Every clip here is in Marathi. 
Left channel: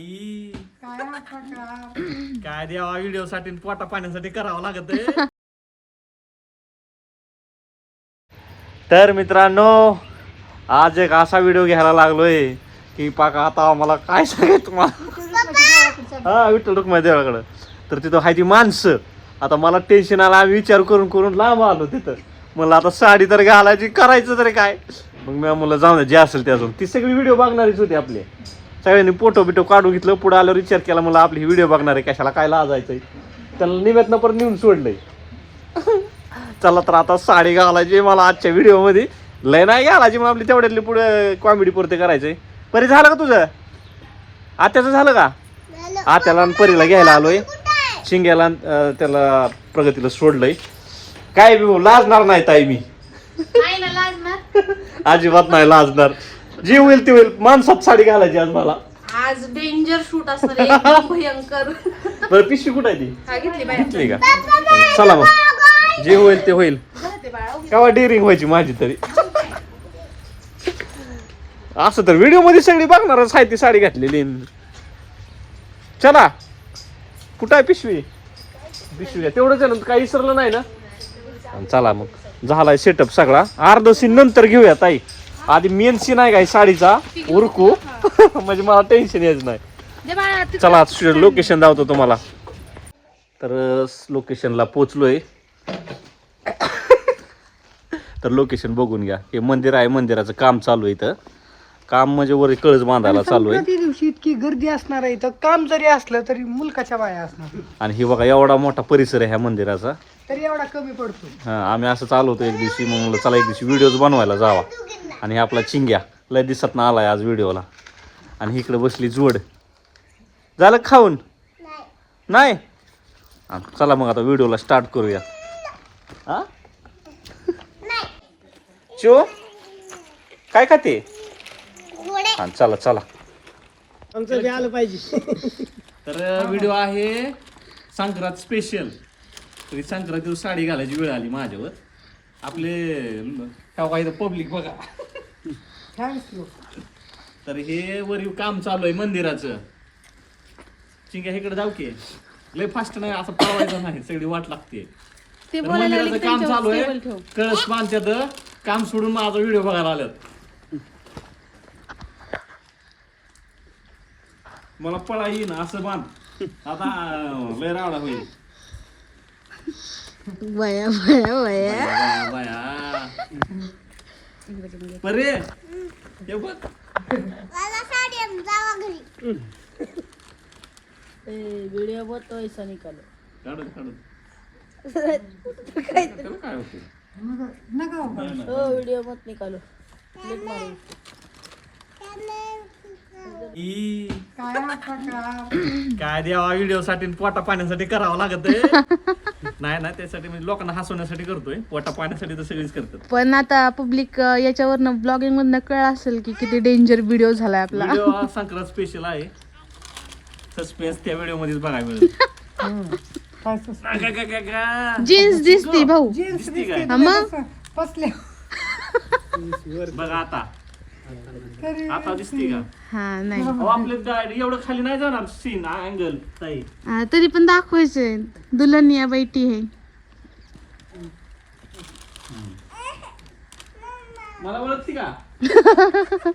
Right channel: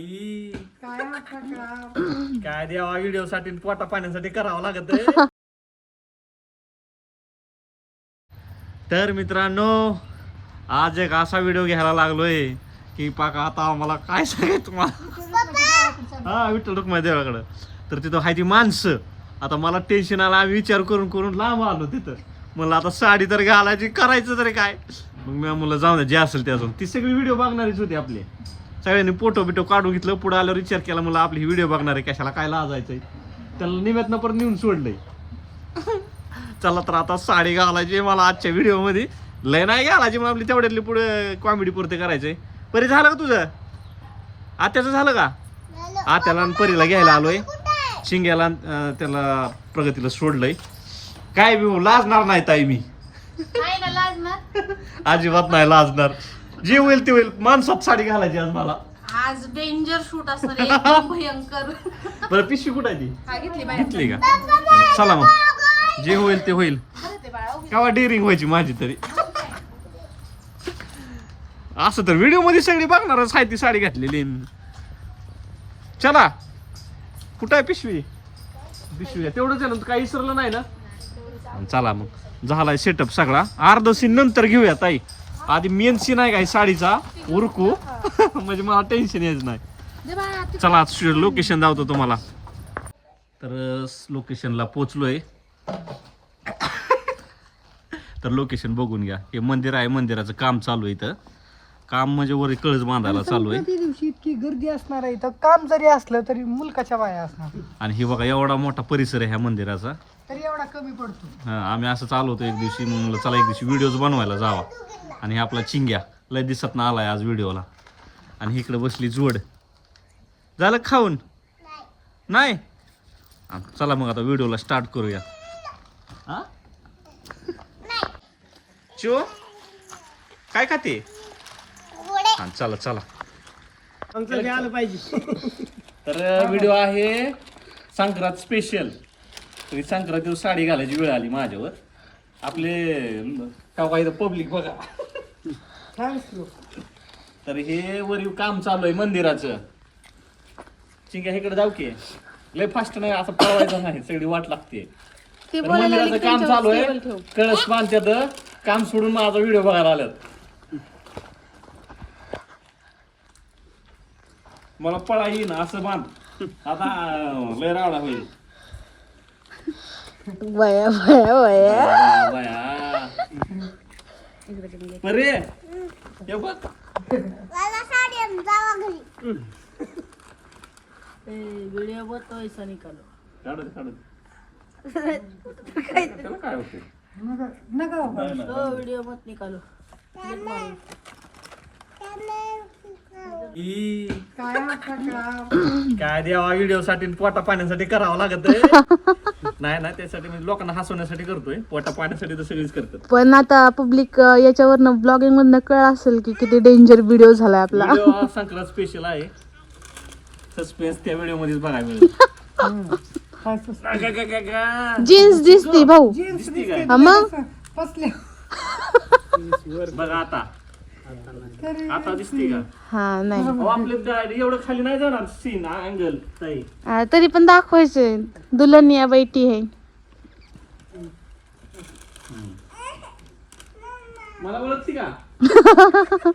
ई, काय प्रकार काय देवा व्हिडिओ साठी पोटा पाण्यासाठी करावं लागत तर मित्रांनो आज एक असा व्हिडिओ घ्यायला लागलोय की पाका आता आम्हाला काय सांगायचं तुम्हाला? हा विठ्ठल रुक्माई देवाकडं. तर तिथं हाय ती माणसं. आता मला टेन्शन आलं आम्ही विचार करून करून लांब आलो तिथं. मला आता साडी तर घालायची करायचं तरी काय? मग मी मुलं जाऊन दे जे असेल ते अजून ती सगळी व्हिडिओ बघणारीच होती आपले. सगळ्यांनी फोटो बिटो काढून घेतलं. पुढे आल्यावर विचार केला मला आपली व्हिडिओ बघणार आहे कशाला काय लाजायचंय. त्याला निवेदन पण नेऊन सोडलंय. चला तर आता साडी घालायची मला आजच्या व्हिडिओमध्ये. लय नाही घालायची मग आपली तेवढ्यातली पुढे कॉमेडी पुरते करायचंय. परी झालं का तुझं? आत्याचं झालं का? आत्याला परीला घ्यायला आलोय. शिंग्याला त्याला प्रगतीला सोडलंय. काय बी भाऊ, लाजणार नाही ताई मी. अजिबात नाही लाजणार. जे होईल ते होईल. माणसात साडी घालायची आज मला. आज डेंजर शूट असणार आहे, एकदम भयंकर. बरं पिशवी कुठं आहे ती? हा घेतली बाहेर. घेतली का? चला मग. जे होईल ते होईल. बरं ते बाळा उगी. केव्हा डेअरिंग व्हायची माझी तरी. असं तर व्हिडिओमध्ये सगळी बघणारच आहे ती साडी घातलेली. चला. कुठं आहे पिशवी? पिशवी आहे. तेवढंच आहे ना काही विसरलं नाही ना? आणि चला मग. झालाय सेटअप सगळा. अर्ध सीन नंतर घेऊया ताई. आधी मेन सीन आहे काय साडीचा? उरकू. म्हणजे मला टेन्शन यायचं नाही. चला लोकेशन दावतो तुम्हाला. तर लोकेशनला पोचलोय. तर लोकेशन बघून घ्या. हे मंदिर आहे मंदिराचं काम चालू आहे इथं. काम म्हणजे वर कळस बांधायला चालू आहे. दिवशी इतकी गर्दी असणार आहे तर काम जरी असलं तरी मुलकाच्या बाया असणार. आणि हे बघा एवढा मोठा परिसर आहे ह्या मंदिराचा. तरी एवढा कमी पडतो. हा आम्ही असं चालू होतो एक दिवशी मग म्हणलं चला एक दिवशी व्हिडिओज बनवायला जावा. आणि हे आपला चिंग्या लय दिसत ना आलाय आज व्हिडिओला आणि इकडे बसली जोड. झालं खाऊन? नाही. हा, चला मग आता व्हिडिओला स्टार्ट करूया. हा? चो? काय खाते? हा चला चला. आलं पाहिजे. तर व्हिडिओ आहे संक्रांत स्पेशल तरी संक्रांत दिवस साडी घालायची वेळ आली माझ्यावर. आपले काय पब्लिक बघा. तर हे वरील काम चालू आहे मंदिराचं. चिंग्या इकडे जाऊ की. लय फास्ट नाही असं पळवायचं नाही सगळी वाट लागते. तर मंदिराचं काम चालू आहे. कळस बांधत्यात. काम सोडून माझा व्हिडिओ बघायला आल्यात मला पळा येईन असं बांध. आता लय रावडा होईल. बया बया बया बाया, बाया. परे हे बघ. व्हिडिओ बनतोय निकाल काढत काढत त्याला काय होतं? नका बाबा. नाही, नाही. व्हिडिओ मत निकालो काय प्रकार काय देवा व्हिडिओ साठी पोटा पाण्यासाठी करावं लागत. नाही ना त्यासाठी म्हणजे लोकांना हसवण्यासाठी करतोय पोटा पाण्यासाठी तर सगळीच करतात पण आता पब्लिक याच्यावरनं ब्लॉगिंग मधनं कळ असेल की किती डेंजर व्हिडिओ झालाय आपला व्हिडिओ हा संक्रांत स्पेशल आहे सस्पेन्स त्या व्हिडिओ मध्येच बघायला मिळेल हम्म. काय सुस्त. गा, गा, गा, गा, गा. जीन्स दिसते भाऊ जीन्स दिसती? हा मग? बघा आता तरी आता दिसते का? हा नाही. अहो, आपले गा- एवढं खाली नाही जाणार. सीन अँगल ताई. तरी पण दाखवायचंय दुल्हनिया बैठी है मला ओळखते का?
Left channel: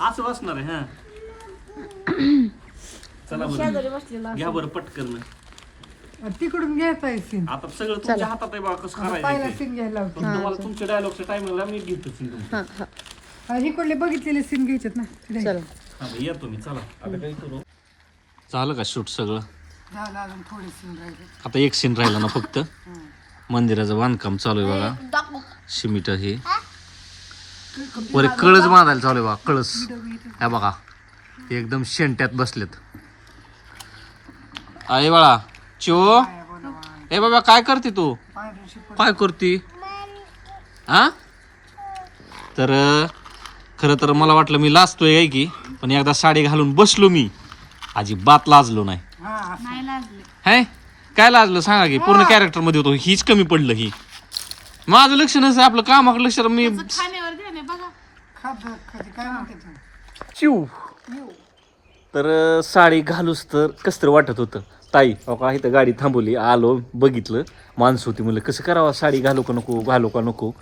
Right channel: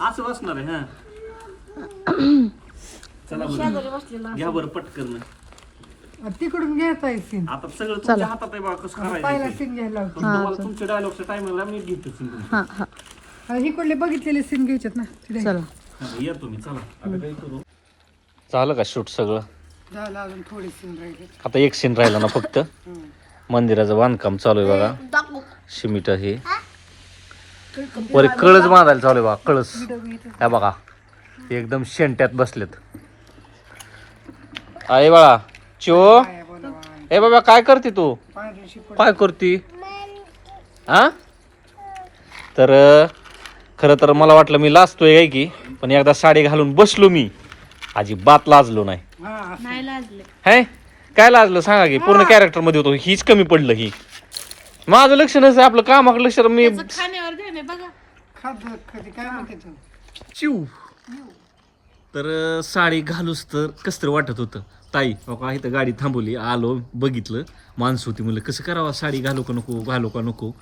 असं बसणार आहे हा. चला बरं. घ्या बरं पटकन. तिकडून घ्यायचा आहे सीन आता सगळं तुमच्या हातात आहे बा कसं पहिला करायचं ते. सीन घ्यायला पण तुम्हाला तुमच्या डायलॉगच्या टायमिंगला मी घेतो हा हा. लावतो इकडले बघितलेले सीन घ्यायचेत ना? हा, या तुम्ही चला. आता काय करू. झालं का शूट सगळं? झालं अजून थोडे सीन राहिले. आता एक सीन राहिला ना फक्त. मंदिराचं बांधकाम चालू आहे बघा. शिमिट हे? वर कळस बांधायला चालू आहे बघा कळस. हा बघा ते एकदम शेंट्यात बसलेत. आहे बाळा चो ए बाबा काय करते तू? काय करती? हा? तर अं, खरं तर मला वाटलं मी लाजतोय काय की पण एकदा साडी घालून बसलो मी. अजिबात लाजलो नाही. हा नाही लाजले. है? काय लाजलं सांगा की पूर्ण कॅरेक्टरमध्ये होतो. हीच कमी पडलं ही. माझं लक्ष नसतं आपलं कामाकडे लक्ष मी खाण्यावर ध्यान आहे बघा. चिव तर साडी घालूस तर कसं तरी वाटत होतं. ताई अहो का इथं गाडी थांबवली? आलो बघितलं. माणसं होती म्हणलं कसं करावं? साडी घालू का नको? घालू का नको?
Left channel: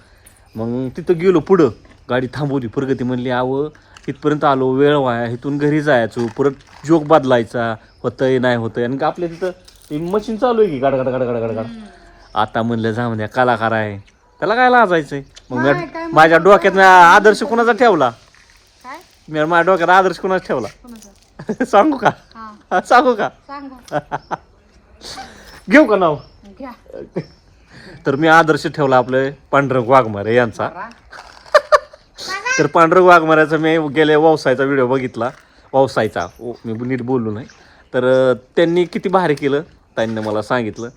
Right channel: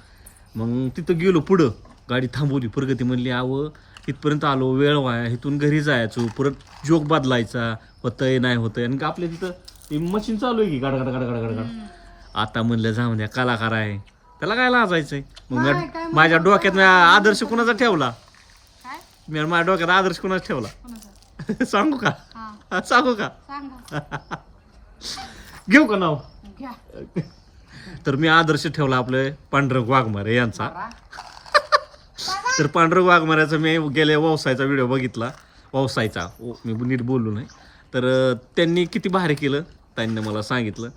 मग तिथं गेलो पुढं. गाडी थांबवली. प्रगती म्हणली आवं इथपर्यंत आलो वेळ वाया इथून घरी जायचो परत जोक बदलायचा होतंय नाही होतंय. आणि आपल्या तिथं मशीन चालू आहे की गाड गाड गाड गाड गाड गाड. आता म्हणलं जा म्हणजे कलाकार आहे. त्याला काय लाजायचंय? मग माझ्या डोक्यात आदर्श कोणाचा ठेवला? मी माझ्या डोक्यात आदर्श कोणाचा ठेवला? सांगू का? सांगू का? घेऊ का नाव? तर मी आदर्श ठेवला आपलं पांढरंग वाघमारे यांचा. तर पांढरं वाघमाऱ्याचा मी गेल्या व्यवसायाचा व्हिडिओ बघितला. व्यवसायाचा ओ, मी नीट बोललो नाही. तर त्यांनी किती भारी केलं त्यांनी मला सांगितलं.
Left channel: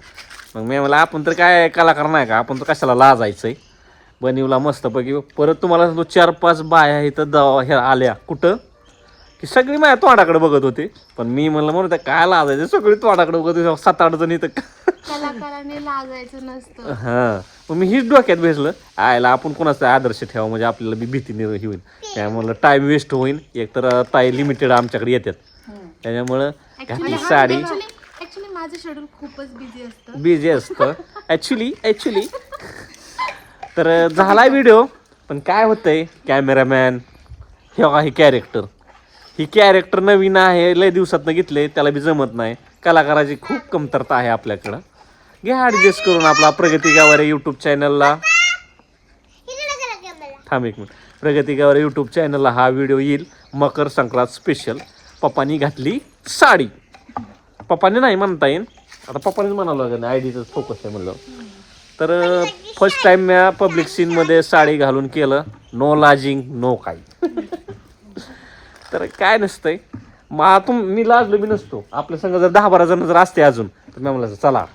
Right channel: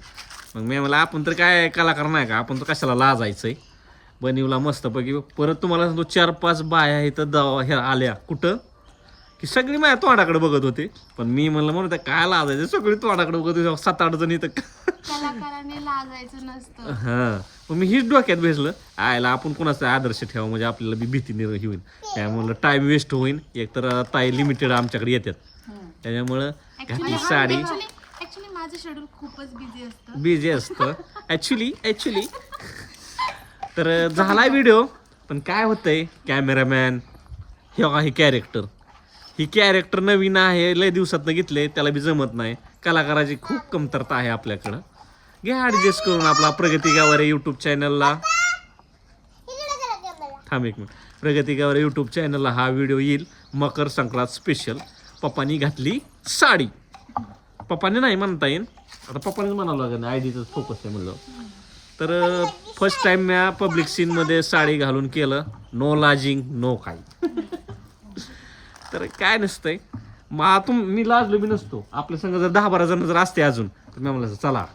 मग मी मला आपण तर काय कलाकार नाही का? आपण तर कशाला लाजायचं आहे बनिवला मस्तपैकी. परत तुम्हाला सांगतो चार पाच बाया इथं द ह्या आल्या. कुठं? की सगळी माझ्या तोंडाकडे बघत होते. पण मी म्हणलं म्हणून काय लाजायचं? सगळी तोंडाकडे बघत होते. सात आठ जण इथं कलाकाराने लाजायचं नसतं. हां. मग मी हीच डोक्यात भेटलं आयला आपण कोणाचा आदर्श ठेवा म्हणजे आपल्याला बी भीती निर्माण होईल. त्यामुळं टाईम वेस्ट होईल एकतर ताई लिमिटेड आमच्याकडे येतात त्याच्यामुळं घातली साडी. ऍक्च्युली माझं शेड्यूल खूपच बिझी असतं. बिझी असतं. ॲक्च्युली ॲक्च्युली तर झाला व्हिडिओ पण काय होतंय कॅमेरामॅन हे हे कॅरेक्टर ही कॅरेक्टर नवीन आहे लय दिवसात घेतले त्याला बी जमत नाही. कलाकाराची खूप कमतरता आहे आपल्याकडं. घ्या ॲडजस्ट करून आपला प्रगती गावारे यूट्यूब चॅनलला थांब एक मिनिट. प्रगती गावारे यूट्यूब चॅनलला हा व्हिडिओ येईल. मकर संक्रांत स्पेशल पप्पानी घातली साडी. पप्पाने नाही म्हणता येईल. आता पप्पानेच म्हणावं लागेल आय डीच फोकस आहे म्हणलं. तर फर्स्ट टाइम म्या पब्लिक सीनमध्ये साडी घालून केलं. नो लाजिंग नो काही. तर काय नसतंय. मग तुम मी लाजलो मी नसतो. आपल्या संग जर दहा बारा जण जर असते अजून तर मी म्हणायचं चला.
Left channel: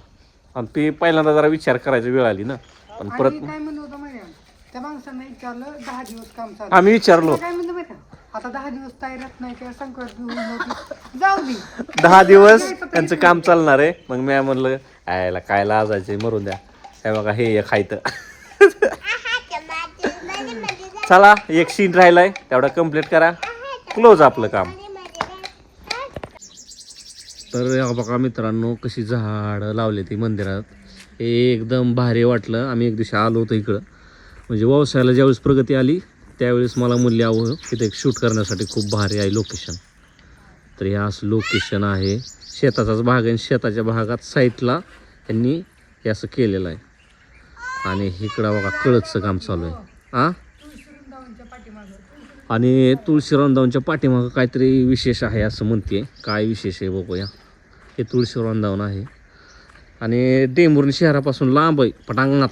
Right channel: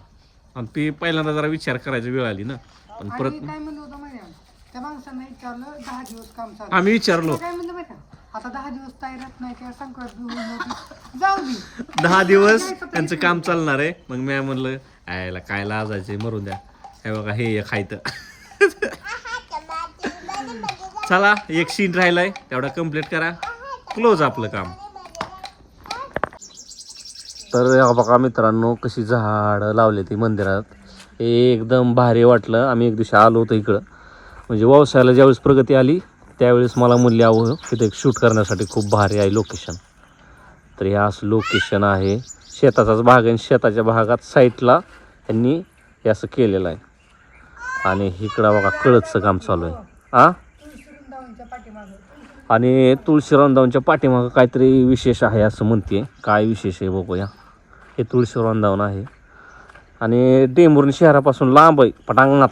आणि ते पहिल्यांदा जरा विचार करायची वेळ आली ना. पण परत आणि काय म्हणत होतं माहिती आहे? त्या माणसाने विचारलं दहा दिवस काम चालू. आम्ही विचारलो. काय म्हणतो माहिती आहे? आता दहा दिवस तयारात नाही किंवा संक्रांत बी होऊन नव्हती जाऊ दे. दहा दिवस त्यांचं काम चालणार आहे. मग मी म्हणलं आयला काय लाजायचे मरून द्या. हे बघा हे एक खायचं चला एक सीन राहिलाय. तेवढा कंप्लीट करा. क्लोज आपलं काम. तर बघा मित्रांनो कशी झाडं लावले ती मंदिरात. एकदम भारी वाटलं. आम्ही एक दिवशी आलो होतो इकडं. म्हणजे व्यवसायाला ज्यावेळेस प्रगती आली त्यावेळेस मला मूल्य हवं तिथे एक शूट करण्यासाठी खूप भारी आहे लोकेशन तर हे असं लोकेशन आहे. शेताचाच भाग आहे आणि शेताच्या भागात साईटला त्यांनी हे असं केलेलं आहे. आणि इकडं बघा कळतचं काम चालू आहे. आ? आणि तुळशी रंधावनच्या पाठीमागं काहीतरी विशेष आहे असं म्हणते काय विशेष आहे बघूया. हे तुळशी रंधावन आहे. आणि डेंबुर्णी शहरापासून लांब आहे पटांगणात.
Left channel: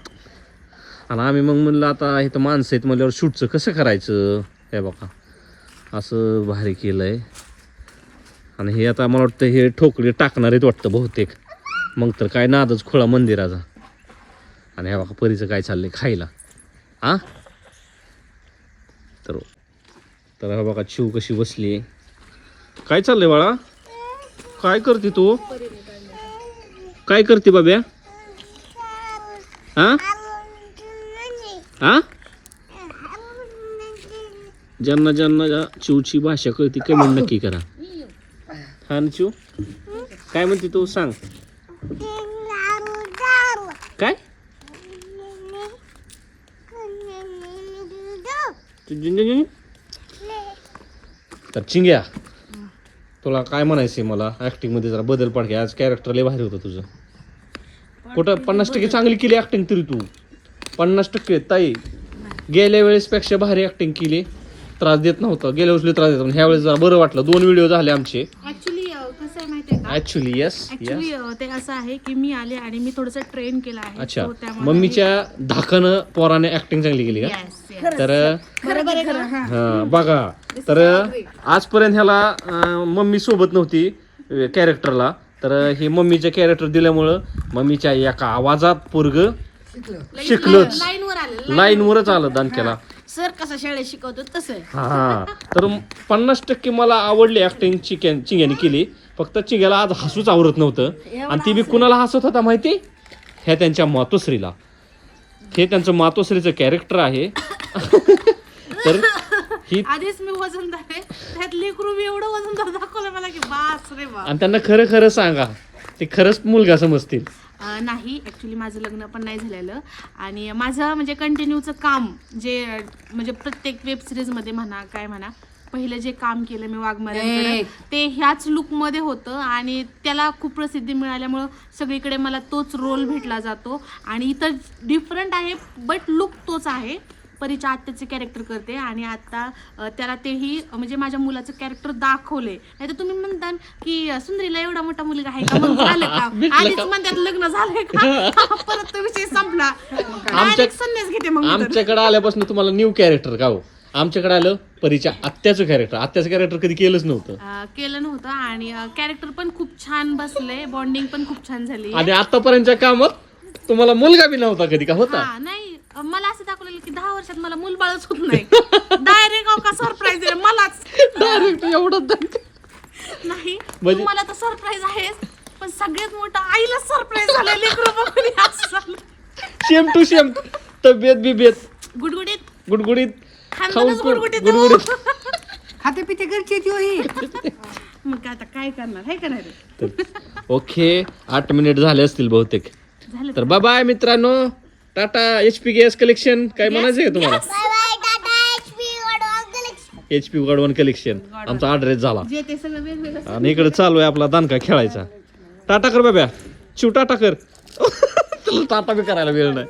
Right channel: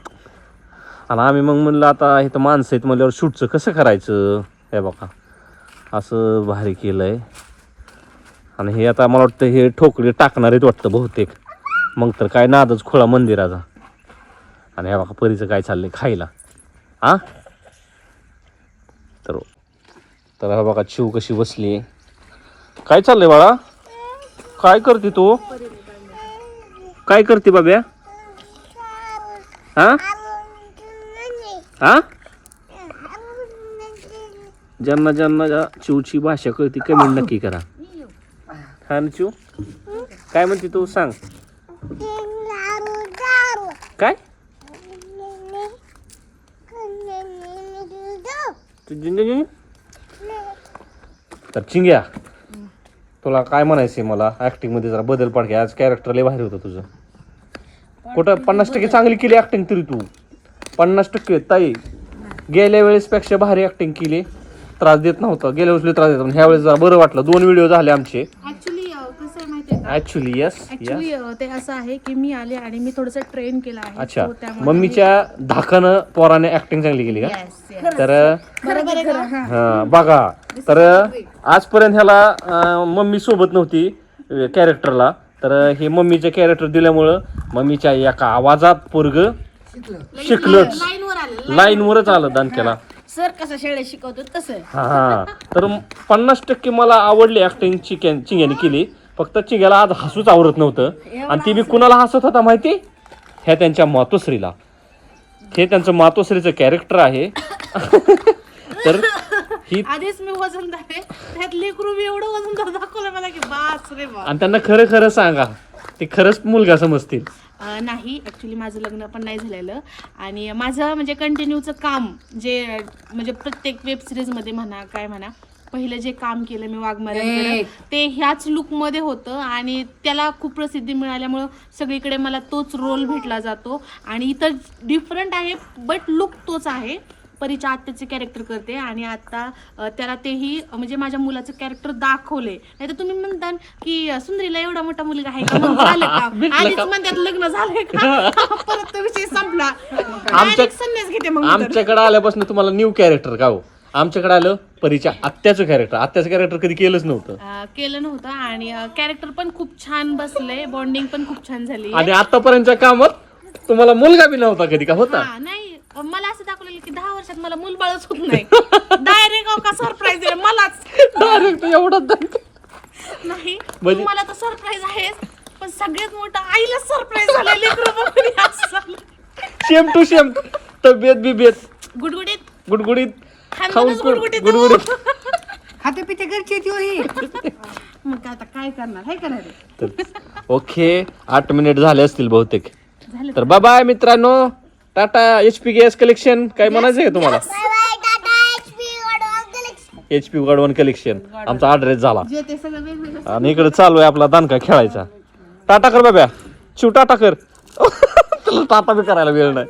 आणि आम्ही मग म्हणलं आता इथं माणसं आहेत म्हणल्यावर शूटचं कसं करायचं? हे बघा. असं भारी केलं आहे आणि हे आता मला वाटतं हे ठोकळे टाकणार आहेत वाटतं बहुतेक. मग तर काय नादच खुळा मंदिराचा. आणि हे बघा परीचं काय चाललं आहे खायला. आ? तर तर हा बघा शिव कशी बसली. आहे काय चाललंय बाळा? काय करते तू? काय करते बाब्या? हा? हा? ज्यांना ज्यांना चिवची भाषा कळते कमेंट नक्की करा. हा ना चिव काय म्हणते तू? सांग. काय? तर चिंग्या तुला काय म्हणायचंय मला? ऍक्टिंगमध्ये जरा बदल पड आज कॅरेक्टर लय भारी होतं तुझं. कुठं पन्नास टक्के चांगली केली ऍक्टिंग तरी तू. पन्नास टक्के ताई. गेल्या वेळेस पेक्षा भारी ऍक्टिंग केली. त्रास देत नव्हता. गेल्या वेळेस त्रास देत ह्या वेळेस जरा बरं वाटलं. दोन व्हिडिओ झाले आमचे ऍक्च्युली कसं आहे माहितीये का ऍक्च्युली येस ऍक्च्युली ते असं आहे की मी आले आणि मी थोडंसं ट्रेन केलं आहे. अच्छा. So त्यामुळे मम्मीच्या धाकानं पोराने ऍक्टिंग चांगली केली का? Yes, yes. तर बरोबर आहे का? हा बघा. तर आजपर्यंत ह्याला अं, मम्मी सोबत नव्हती कॅरेक्टरला तर हे मम्मीचे कॅरेक्टर दिल्यामुळं मम्मीच्या एका आवाजात पोरग शिकलंच लाईनवर आले. लाईनवरच आलं दानक्याला सर कसं शाळेत शिकवतो तसं. हा हा. तर पन्नास टक्के मला आवडली ऍक्टिंग चिकन चिंग्याने केली. फक्त चिंग्याला आज हसूच आवरत नव्हतं. आणि ती बी कुणाला हसत होता माहिती? ह्या त्यांच्या मातोश्रीला. हे त्यांचं मातोश्रीचं कॅरेक्टर आहे. तर ही आधीच मी वजनदार आहे त्यात लेकरू मी एवढं वजनदार दाखवलं मला की बास रे बा आणि त्यांना खरं खरं सांगा. ते खरंच मुलगा समजतील. अं, नाही ॲक्च्युली माझं लग्न पण नाही झालेलं. आणि माझं म्हणजे कंटिन्यूचं काम जे म्हणजे प्रत्येक वेब सिरीजमध्ये म्हणा काय म्हणा पहिलं जे काम केलं मी वाघमाऱ्यांकडे ते ह्याच लुकमध्ये होतं आणि त्याला खूप प्रसिद्धी मिळाल्यामुळं सगळीकडे मला तोच रोल भेटला जातो. आणि इतर डिफरंट आहे बट लुक तोच आहे. परीच्या आत्याचे कॅरेक्टर करते आणि आता त्याला तेही म्हणजे माझ्या मुलाचं कॅरेक्टर दाखवले. नाही तर तुम्ही म्हणता की सुंदरीला एवढा मोठा मुलगा आहे का? मग झालं का? आधीच म्हणतात लग्न झालंय का? परत तो विषय संपला. संन्यास घेते मग. आमच्याकडे आल्यापासून तुम्हाला न्यू कॅरेक्टर का हो? आमच्याकडे आलं परीच्या आत्याचं कॅरेक्टर आत्याचं कॅरेक्टर कधी केलंच नव्हतं. अं, केलं नव्हतं आणि कॅरेक्टर पण खूप छान बसले बॉन्डिंग पण खूप छान झाली आणि आतापर्यंतच्या कामात तुम्हाला मुलगा बी नव्हता कधी का? होता? हा नाही. अं, मला असं दाखवलेलं की दहा वर्षात मला मूलबाळच होत नाही. डायरेक्ट का सरप्राईज दिलं मलाच. डायरेक्ट एवढं नाही. म्हणजे- तुम्हाला तर सरप्राईज आहेच पण सगळ्यात मोठं आईला सरप्राईज झालं लेकरं बघून हे असं झालं. सेम टू सेम तब्येत बिबेत गुडगुडीत. गुडगुडीत. खाऊन खानदानच गुडगुडीत. गुडगुडीत. खाते पिते घरची ती ही मग काय आता काय करणार हे करणार तर ओके आठ मिनिट झाले असतील बहुतेक. झालं तर बाय बाय मित्रांनो. Tata H P gas collection. काय म्हणायचं आहे तुम्हाला? एच पी गडवन कलेक्शन. आमचा ॲड्रेस झाला. जे ते सगळं वेगवेगळं आणि इकडे चालू आहे आपला दानका खेळायचा. टाटा कर बाब्या. शिव टाटा कर. तुला टाटा बी करायला वेळ नाही.